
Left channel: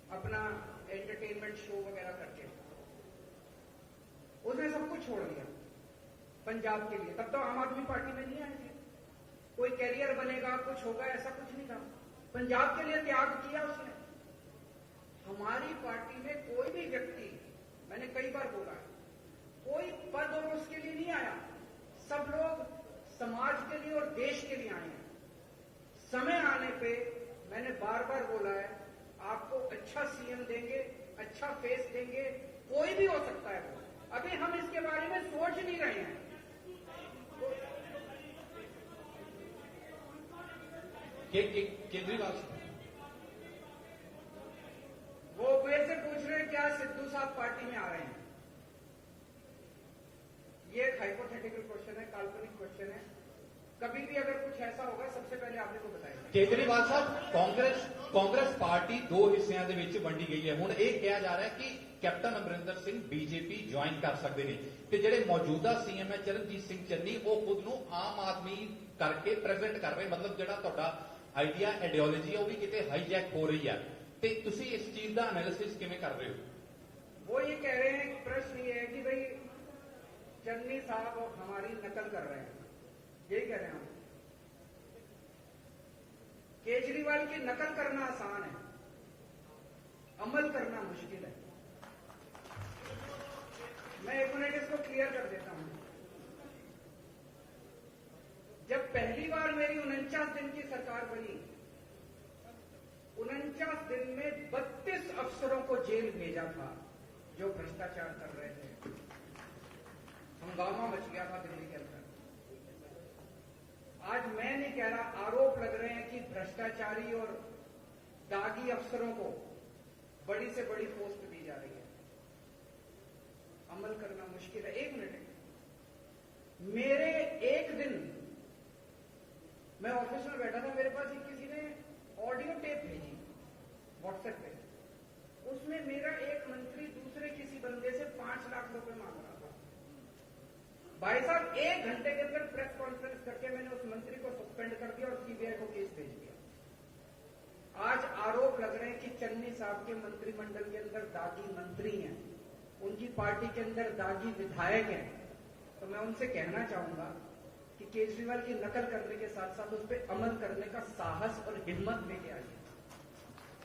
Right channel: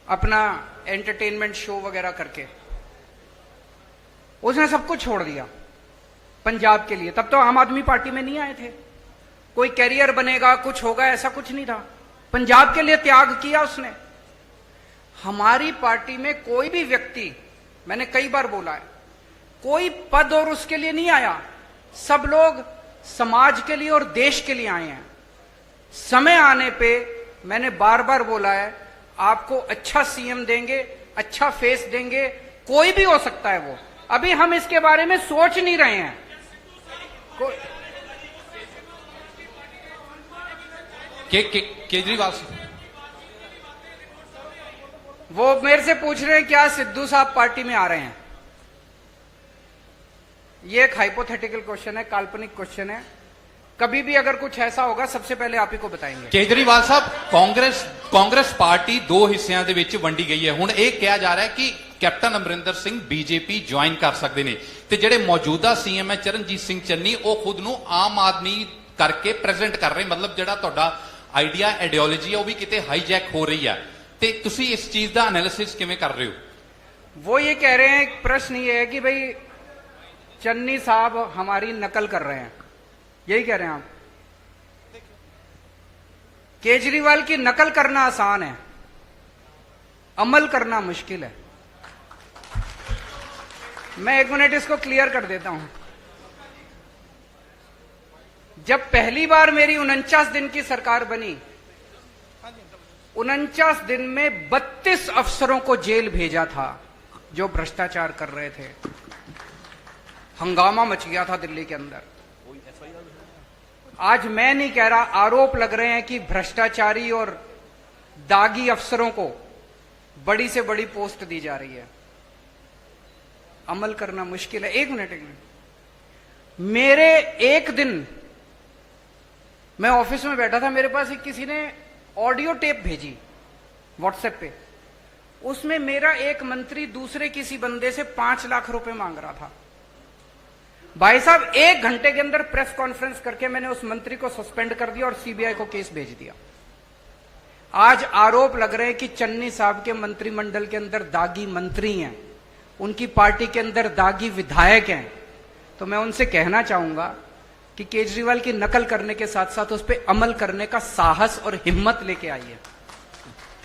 अपना एंटरटेनमेंट शो वगैरह करके। उसने सब कुछ छोड़ दिया पंजाब के लिए। तब तो आम आदमी पार्टी में नहीं आए थे। कोई कैरियर बनेगा, कुछ होगा, ऐसा कुछ नहीं था। पंजाब के लिए त्याग किया उसने। हमारी पार्टी में कोई भी व्यक्ति, मैंने कई बार बोला है, कोई पद और उसके लिए नहीं आया। सब लोग समाज के लिए और देश के लिए आए हैं। समय आने पे मैंने बार बार बोला है, आपको अच्छा सीएम देंगे, अच्छा फेस देंगे, कोई भी हो सकता है वो। अभी हम इसके बारे में सोच नहीं रहे हैं। केजरीवाल वो मेरे से पूछ रहे हैं क्या सिद्धू साहब पार्टी में आ रहे हैं। ये एक हाइपोथेटिकल क्वेश्चन है, काल्पनिक क्वेश्चन है। कभी भी अगर कुछ ऐसा होगा सबसे पहले आप ही को बताएंगे। केजरीवाल साहब, ਕਾਂਗਰਸ ਪਾਰਟੀ ਦੋ ਹਿੱਸਿਆਂ ਦੇ ਵਿੱਚ ਵੰਡੀ ਗਈ ਹੈ। ਹੁਣ ਇਹ ਕਿਹਾ ਜਾ ਰਿਹਾ ਹੈ ਕਿ captain Amarinder Singh BJP join ਕਰ ਸਕਦੇ ਨੇ ਤੇ ਜਿਹੜੇ ਮੌਜੂਦਾ ਸੀਐਮ ਹੈ ਚਰਨਜੀਤ ਸਿੰਘ ਚੰਨੀ, ਉਹ ਖੁਦ ਨੂੰ ਆਮ ਆਦਮੀ ਕਰਕੇ ਪ੍ਰੈਜ਼ੈਂਟ ਕਰ ਰਹੇ। ਮਤਲਬ ਜਿਹੜਾ ਤੁਹਾਡਾ ਆਈਡੀਆ, ਆਈਡੀਓਲੋਜੀ ਹੈ, ਉਹ ਵੀ ਕਿਤੇ ਹਾਈਜੈਕ ਹੋ ਰਹੀ ਹੈ। ਤੇ ਤੁਸੀਂ ਇਸ ਚੀਜ਼ ਦਾ ਐਨਾਲਿਸਿਸ ਕਿਵੇਂ ਕਰ ਰਹੇ ਹੋ वो ये कह रहे हैं, प्रश्न ये है कि भाई चन्नी साहब हमारी नकल कर रहे हैं, यही कह रहे हैं आप? केजरीवाल की नकल करना आसान है, अमल करना मुश्किल है। मैं 1 मिनट इसको क्लियर कर देता हूं। जब पहली बार मेरी 49 दिन की सरकार बनी, 49 दिन में 32 अफसरों को जेल भेजा था जो भ्रष्टाचार कर रहे थे। हंगामा मच गया था दिल्ली के अंदर। आज मैं नहीं कह रहा, आरोप लग रहे हैं कि भ्रष्टाचारी और दागी अफसरों को बड़ी से बड़ी पोस्ट दी जा रही है। अमल करना मुश्किल है। एक मिनट मेरे एक दिन मैं ऑफिस में बैठा था, मेरे पास किसी ने ऑडियो टेप भेजी व्हाट्सएप पे। उसमें मेरा एक मंत्री दूसरे किसी बंदे से 5 लाख रुपए मांग रहा था। भाई साहब 1 घंटे के अंदर प्रेस कॉन्फ्रेंस करके मैंने उस मंत्री को सस्पेंड कर दिया और सीबीआई को केस भेज दिया। आज आरोप लग रहे हैं कि चन्नी साहब के मंत्रिमंडल के अंदर दागी मंत्री हैं, उनकी पार्टी के अंदर दागी विधायक हैं। तो मैं उनसे कहना चाहूंगा कि केजरीवाल की नकल करने के साथ साथ उस पर अमल करने का साहस और हिम्मत लेके आइए।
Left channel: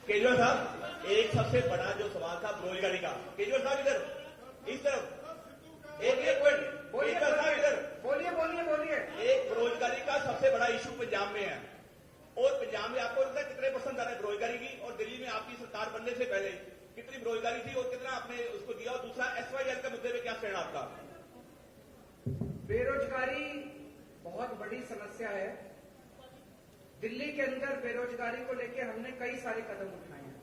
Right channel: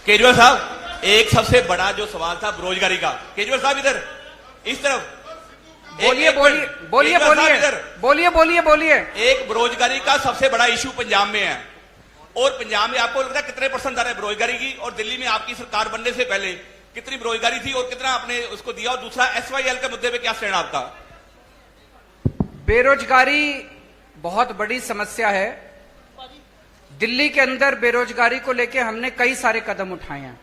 केजरीवाल साहब, एक सबसे बड़ा जो सवाल था बेरोजगारी का, केजरीवाल साहब इधर इस तरफ बोलिए बोलिए बोलिए बोलिए बोलिए बोलिए बोलिए। एक बेरोजगारी का सबसे बड़ा इशू पंजाब में है, और पंजाब में आपको लगता है कितने परसेंट दर है बेरोजगारी की? और दिल्ली में आपकी सरकार बनने से पहले कितनी बेरोजगारी थी और कितना आपने उसको दिया? और दूसरा, SYL के मुद्दे पे क्या स्टैंड आपका? बेरोजगारी बहुत बड़ी समस्या है। दिल्ली के अंदर बेरोजगारी को लेकर हमने कई सारे कदम उठाए हैं।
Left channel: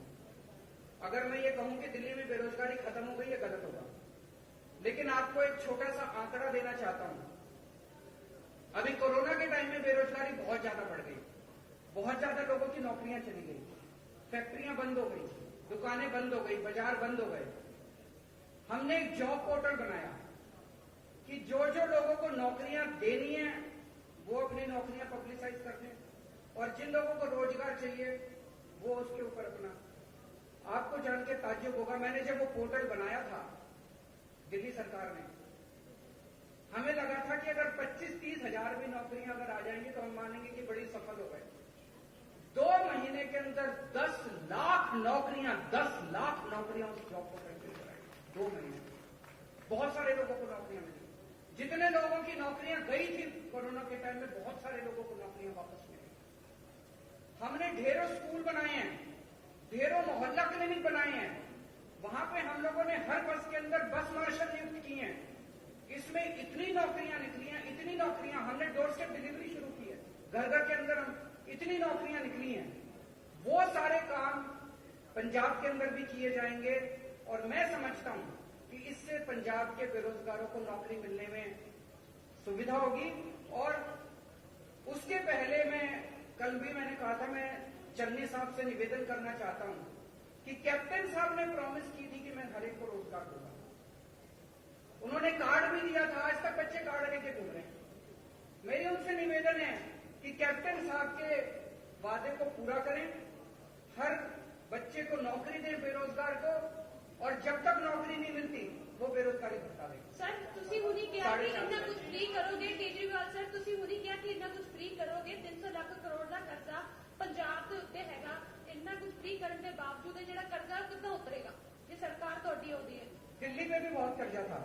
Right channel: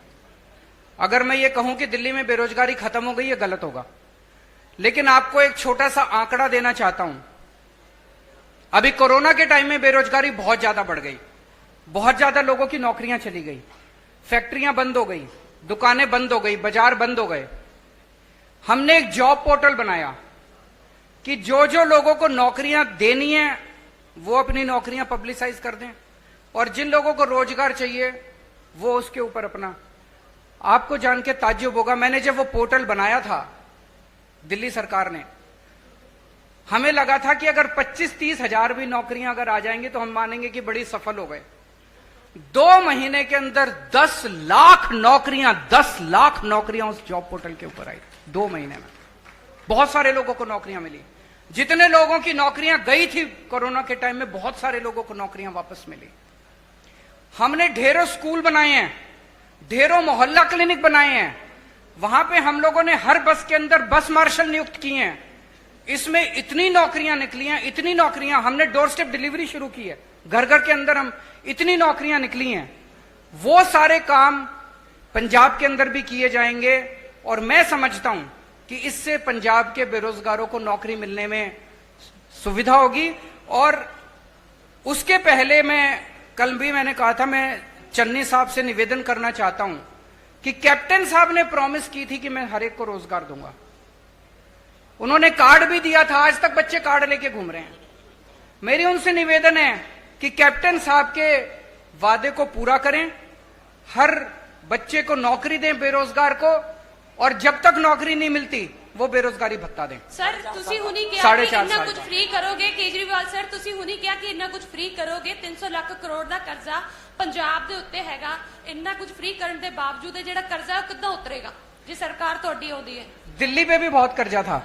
अगर मैं ये कहूं कि दिल्ली में बेरोजगारी खत्म हो गई, ये गलत होगा। लेकिन आपको एक छोटा सा आंकड़ा देना चाहता हूं। अभी कोरोना के टाइम में बेरोजगारी बहुत ज्यादा बढ़ गई, बहुत ज्यादा लोगों की नौकरियां चली गई, फैक्ट्रियां बंद हो गई, दुकानें बंद हो गई, बाजार बंद हो गए। हमने एक जॉब पोर्टल बनाया कि जो जो लोगों को नौकरियां देनी है वो अपनी नौकरियां पब्लिसाइज कर दें, और जिन लोगों को रोजगार चाहिए वो उसके ऊपर अपना। आपको जान के ताज्जुब होगा, मैंने जब वो पोर्टल बनाया था दिल्ली सरकार ने, हमें लगा था कि अगर 25-30 हजार भी नौकरियां अगर आ जाएंगी तो हम मानेंगे कि बड़ी सफल हो गए। 2 महीने के अंदर 10 लाख नौकरियां उस जॉब पोर्टल के ऊपर आई। 2 महीने में बहुत सारे लोगों को नौकरियां मिली। जितने लोगों की नौकरियां गई थी कोरोना के टाइम में, बहुत सारे लोगों को नौकरियां वापस मिली। हमने ढेरों स्कूल बनाए हैं, ढेरों मोहल्ला क्लिनिक बनाए हैं। वहां पे हम लोगों ने हर बस के अंदर बस मार्शल नियुक्त किए हैं। इसमें इतनी नौकरियां निकली हैं, इतनी नौकरियां। हमने डोर स्टेप डिलीवरी शुरू की है, घर घर के अंदर हम इतनी नौकरियां निकली हैं। वो सारे काम पंजाब के अंदर भी किए जाएंगे, और मैं समझता हूं कि इससे पंजाब के बेरोजगारों को नौकरी मिलने में सुविधा होगी। और उसके पहले कल भी मैंने कहा था, मैं चन्नी साहब से निवेदन करना चाहता हूं कि कैप्टन साहब ने प्रॉमिस की थी कि मैं हर एक को रोजगार दूंगा। उन्होंने कार्ड भी दिया था, आज तक बच्चे कार्ड लेके घूम रहे हैं। मेरी उनसे निवेदन है कि कैप्टन साहब के वादे को पूरा करें, हर बच्चे को नौकरी दें बेरोजगार को, और जब तक नौकरी नहीं मिलती वो बेरोजगारी भत्ता दें। सर तुसी हुनी क्या 4.5 इतना साल कुछ का। फ्री करोगे? केजरीवाल सर तुसी हुनी क्या कि इतना कुछ फ्री करोगे? 300 ਲੱਖ ਕਰੋੜ ਦਾ ਕਰਜ਼ਾ ਪੰਜਾਬ ਦੇ ਉੱਤੇ ਹੈਗਾ। ਇੰਨਾ ਕੁਝ फ्री ਕਰਨ ਦੇ ਬਾਵਜੂਦ ਇਹ ਜਿਹੜਾ ਕਰਜ਼ਾ ਉਹ ਕਿੱਦਾਂ ਉਤਰੇਗਾ ਜੇ ਸਰਕਾਰ ਤੁਹਾਡੀ ਆਉਂਦੀ ਹੈ? दिल्ली पे भी बहुत कर्जा था।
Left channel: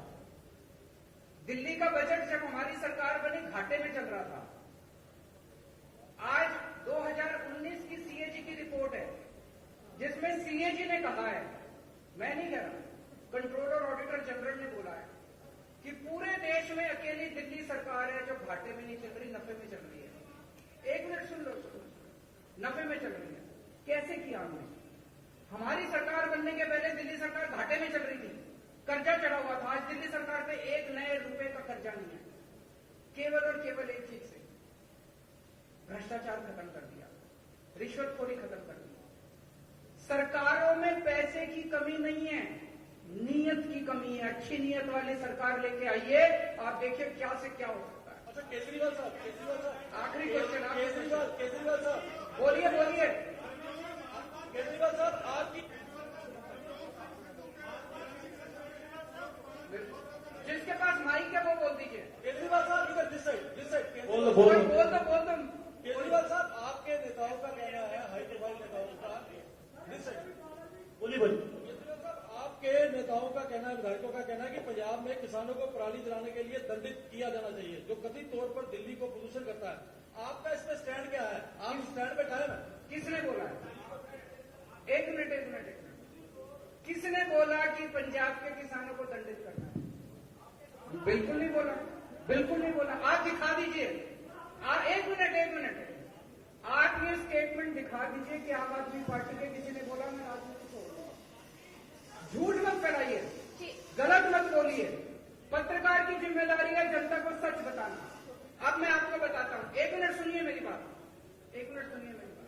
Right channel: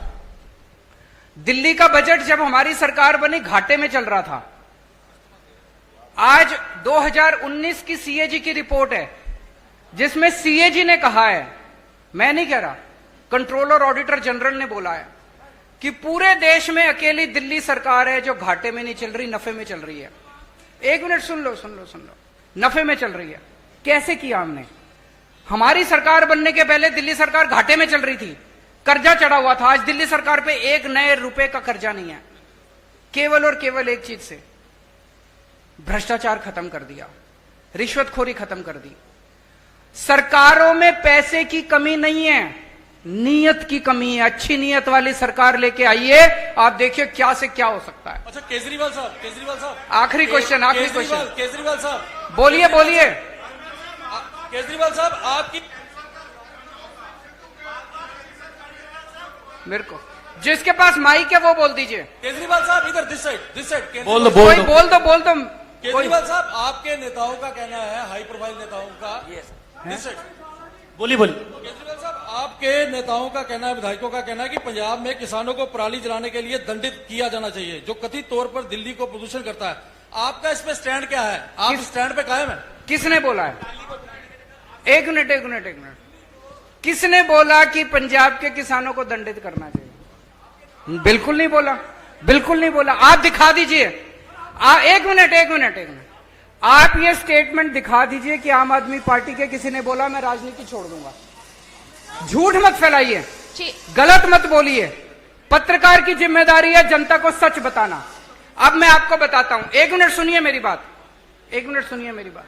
दिल्ली का बजट जब हमारी सरकार बनी घाटे में चल रहा था। आज 2019 की सीएजी की रिपोर्ट है, जिसमें सीएजी ने कहा है, मैं नहीं कह रहा, कंट्रोलर ऑडिटर जनरल ने बोला है कि पूरे देश में अकेली दिल्ली सरकार है जो घाटे में नहीं चल रही, नफे में चल रही है। 1 मिनट सुन लो, नफे में चल रही है। कैसे किया हमने? हमारी सरकार बनने के पहले दिल्ली सरकार घाटे में चल रही थी, कर्जा चढ़ा हुआ था। आज दिल्ली सरकार पे 1 नए रुपए का कर्जा नहीं है। केवल और केवल एक चीज से, भ्रष्टाचार खत्म कर दिया, रिश्वतखोरी खत्म कर दी। सरकारों में पैसे की कमी नहीं है, नीयत की कमी है। अच्छी नीयत वाली सरकार लेके आइए, आप देखिए क्या से क्या हो सकता है। अच्छा केजरीवाल साहब आखिरी क्वेश्चन केजरीवाल साहब बोलिए बोलिए। केजरीवाल साहब मेरे को जिसके पास माइक है वो बोल दीजिए। केजरीवाल साहब इधर दिस साइड बोल दो, कोई बोल दो कोई केजरीवाल साहब, आपके नेताओं का कहना है, हाई प्रोफाइल नेताओं का, दिस साइड बोली बोली। केजरीवाल साहब, आपके नेताओं का कहना है, विधायकों का कहना है कि पंजाब में किसानों को पराली जलाने के लिए दंडित किया जाना चाहिए, जो कथित तौर पर दिल्ली को प्रदूषण करता है। आपका इस पे स्टैंड क्या है? आप स्टैंड पे कायम है? किसने बोला है? एक मिनट किसने बोला कि पंजाब के किसानों को दंडित करना चाहिए? बिल्कुल नहीं बोला। आप दिखा दीजिए। एक मिनट आप ये स्टेटमेंट दिखा दीजिए कि आम आदमी पार्टी के किसी ने बोला मैं राजनीति छोड़ दूंगा। झूठ मत फैलाइए, गलत मत बोलिए। पत्रकार की जिम्मेदारी है जनता को सच बताना। अब मैं आपको बताता हूं, एक मिनट सुनिए मेरी बात।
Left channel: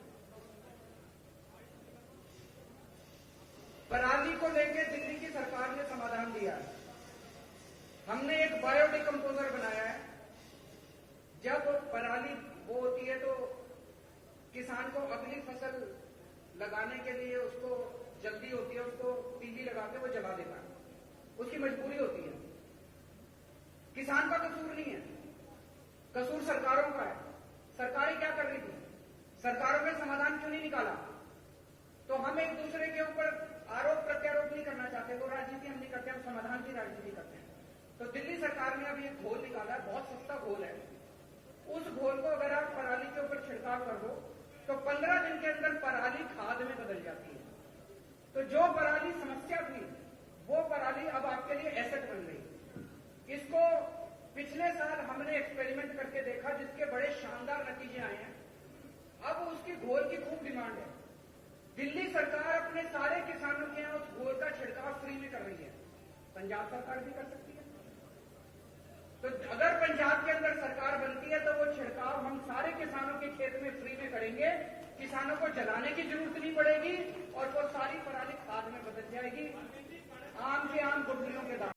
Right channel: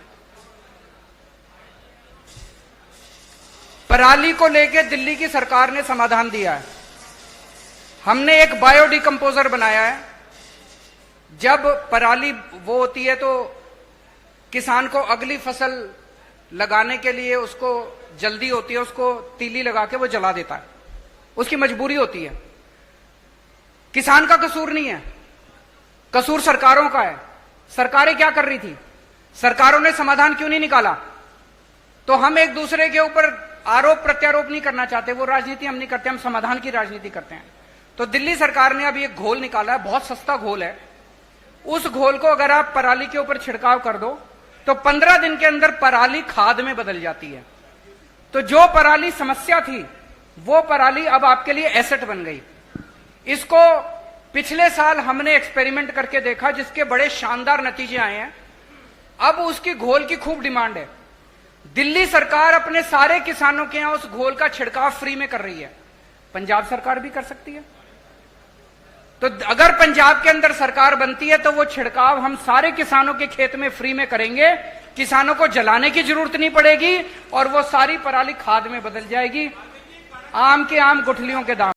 पराली को लेकर दिल्ली की सरकार ने समाधान दिया है। हमने एक बायोडिकम्पोजर बनाया है। जब पराली वो होती है तो किसान को अगली फसल लगाने के लिए उसको जल्दी होती है, उसको तीली लगा के वो जला देता है, उसकी मजबूरी होती है। किसान का कसूर नहीं है, कसूर सरकारों का है। सरकारें क्या कर रही थी? सरकारों ने समाधान क्यों नहीं निकाला? तो हम एक दूसरे के ऊपर आरोप प्रत्यारोप नहीं करना चाहते, वो राजनीति हम नहीं करते, हम समाधान की राजनीति करते हैं। तो दिल्ली सरकार ने अभी एक घोल निकाला है, बहुत सस्ता घोल है। उस घोल को अगर आप पराली के ऊपर छिड़काव कर दो तो 15 दिन के अंदर पराली खाद में बदल जाती है। तो जो पराली समस्या थी वो पराली अब आपके लिए एसेट बन गई। इसको पिछले साल हमने एक्सपेरिमेंट करके देखा, जिसके बड़े शानदार नतीजे आए हैं। अब उसकी घोल की खूब डिमांड है। दिल्ली सरकार अपने सारे किसानों के यहां उस घोल का छिड़काव फ्री में कर रही है। पंजाब सरकार भी कर सकती है। तो अगर पंजाब के अंदर सरकार बनती है तो वो छिड़काव हम सारे किसानों के खेत में फ्री में करेंगे। किसानों को जलाने की जरूरत नहीं पड़ेगी और वो सारी पराली खाद में बदल जाएगी। आम के आम गुठलियों के दाम।